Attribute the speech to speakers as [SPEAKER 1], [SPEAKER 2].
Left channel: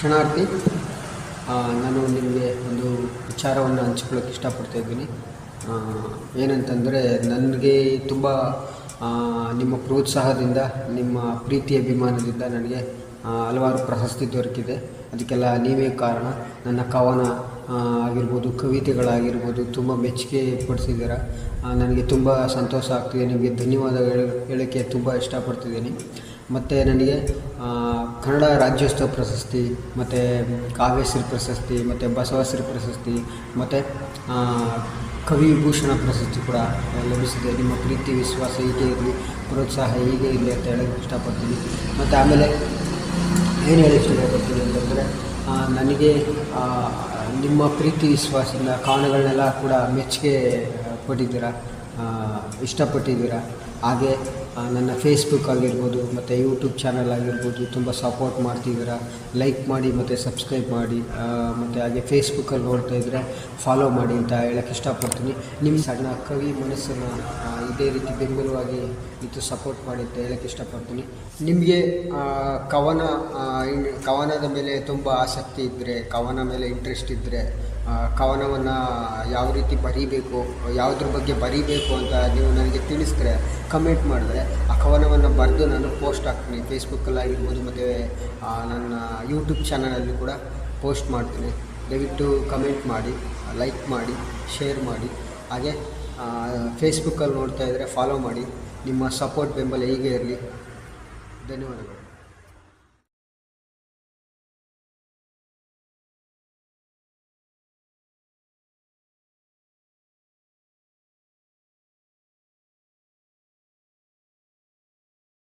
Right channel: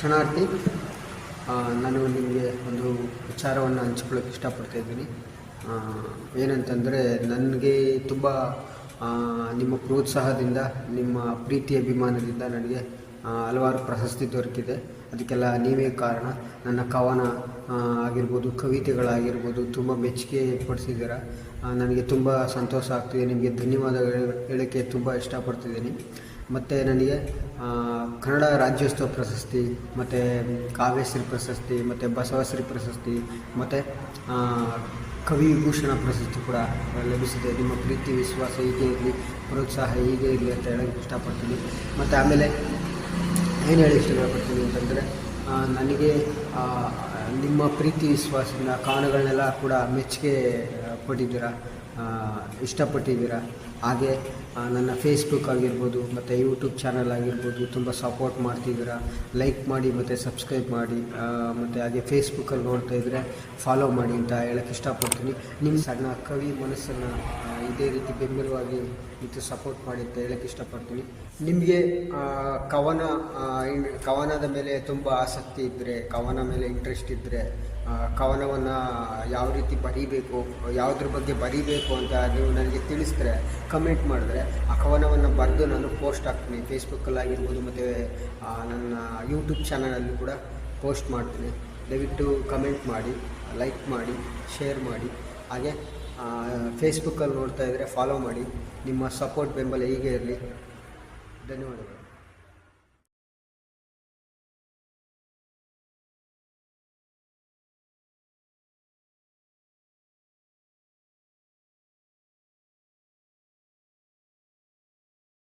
[SPEAKER 1] ಕ್ಷಣಾರ್ಥಿ ಆ, ನಾನು ನಿಮಗೆ ಒಂದು ವಿಚಾರವನ್ನು ಹಂಚ್ಕೊಳ್ಳೋಕೆ ಇಷ್ಟಪಡ್ತಾ ಇದ್ದೀನಿ. ಏನಂತಂದರೆ ನನಗೆ ತುಂಬ ನಿಮ್ಮ ಪ್ರೋತ್ಸಾಹದಿಂದ ನಿಮ್ಮ ಪ್ರೀತಿ ಅಭಿಮಾನದಿಂದ ನನಗೆ ಹಲವಾರು ಪ್ರಶಸ್ತಿ ದೊರಕಿದೆ. ಅದಕ್ಕೆಲ್ಲ ನೀವೇ ಕಾರಣ. ನನ್ನ ಕವನ ಆಗಿರ್ಬೋದು, ಕವಿತೆಗಳಾಗಿರ್ಬೋದು, ತುಂಬ ಮೆಚ್ಚುಗೆ ಪಡಿಸಿದ್ದೀರ ನನಗೆ ತುಂಬ ಸಂತೋಷ ಆಗ್ತಿದೆ. ನಿಮಗೆ ಧನ್ಯವಾದಗಳು ಹೇಳೋಕ್ಕೆ ತುಂಬ ಇಷ್ಟಪಡ್ತಿದ್ದೀನಿ. ಮತ್ತು ನನಗೆ ಕನ್ನಡ ರಾಜ್ಯೋತ್ಸವ ಪ್ರಶಸ್ತಿ, ಮತ್ತು ಕಾವ್ಯಶ್ರೀ ಪ್ರಶಸ್ತಿ, ಮತ್ತು ಬಸವಶ್ರೀ ಪ್ರಶಸ್ತಿ, ಮತ್ತು ಕವಿ ವಿಭೂಷಣ ಪ್ರಶಸ್ತಿ ಕೂಡ ಲಭಿಸಿದೆ. ನಿಮ್ಮ ಪ್ರೀತಿ, ವಿಶ್ವಾಸ ಹೇಗೆ ಇರಲಿ ಪ್ರೋತ್ಸಾಹ ಹೇಗೆ ಇರಲಿ ಅಂತ ಹೇಳೋಕ್ಕೆ ಇಷ್ಟಪಡ್ತೀನಿ. ಮತ್ತು ಆಮೇಲೆ ಏನು ಇಷ್ಟಪಡ್ತೀನಿ ಅಂತಂದರೆ ನನಗೆ ನಿಮ್ಮ ಪ್ರೀತಿ ವಿಶ್ವಾಸದಿಂದ ಕಾರಣಗಳನ್ನೆಲ್ಲ ಕೂಡ ಮೆಚ್ಚುಗೆ ಪಟ್ಟಿದ್ದೀರಾ ಇಷ್ಟಪಟ್ಟಿದ್ದೀರ? ಹಾಗೆ ನನ್ನ ಫೇಸ್ಬುಕ್ ಆಗಿರ್ಬೋದು, ಮತ್ತು ಯೂಟ್ಯೂಬ್ ಚಾನಲ್ ಆಗಿರ್ಬೋದು, ತುಂಬ ಸಪೋರ್ಟ್ ಮಾಡ್ತಿದ್ದೀರಾ? ಲೈಕ್ ಮಾಡಿ, ಮತ್ತು ಸಬ್ಸ್ಕ್ರೈಬ್ ಮಾಡಿ ಮತ್ತು ಹಾಗೆ ಫೇಸ್ಬುಕ್ಕಲ್ಲಿ ನೋಡ್ತಾ ಇದ್ದರೆ ಫಾಲೋ ಮಾಡಿ ಅಂತ ಹೇಳೋಕ್ಕೆ ಇಷ್ಟಪಡ್ತೀನಿ. ನಿಮ್ಮ ಸಣ್ಣ ಕವಿ ಮನಸ್ಸನ್ನು ಇದೇ ರೀತಿ ಬೆಂಬಲವಾಗಿ ಇದು ಸಪೋರ್ಟ್ ಮಾಡಿ ಅಂತ ಹೇಳಕ್ಕೆ ಇಷ್ಟಪಡ್ತೀನಿ. ನಿಮಗೆ ಕವನ ಕವನದ ಮೇಲೆ ತುಂಬ ಆಸಕ್ತಿ ಇದ್ದರೆ ಕವನ ಮೇಲೆ ಇಂಟ್ರೆಸ್ಟ್ ಇದ್ದರೆ ಕವನವನ್ನು ಯಾವ ರೀತಿ ಬರೀಬೇಕು, ಯಾವುದ್ರ ಬಗ್ಗೆ ಬರೀಬೇಕು ಅಂತ ನೀವು ನನಗೆ ತಿಳಿಸಿದ್ರೆ ಕಮೆಂಟ್ ಮಾಡಿದ್ರೆ, ಆ ಕವನವನ್ನು ಬರೆದು ನಾನು ಪೋಸ್ಟ್ ಹಾಕ್ತೀನಿ. ಫೇಸ್ಬುಕ್ಕಲ್ಲಿ ಆಗಿರ್ಬೋದು, ಮತ್ತು ನನ್ನ ಯೂಟ್ಯೂಬ್ ಚಾನಲಲ್ಲಿ ಕೂಡ ಪೋಸ್ಟ್ ಮಾಡ್ತೀನಿ. ದಯವಿಟ್ಟು ಕಮೆಂಟ್ ಮಾಡಿ ಲೈಕ್ ಮಾಡಿ ಶೇರ್ ಮಾಡಿ. ಹಾಗೆ ಫೇಸ್ಬುಕ್ಕಲ್ಲಿ ನೋಡ್ತಾ ಇದ್ದರೆ ಫಾಲೋ ಮಾಡಿ. ನಿಮ್ಮ ಸಪೋರ್ಟ್ ಬೆಂಬಲ ಹೀಗೆ ಇರಲಿ. ಧನ್ಯವಾದಗಳು.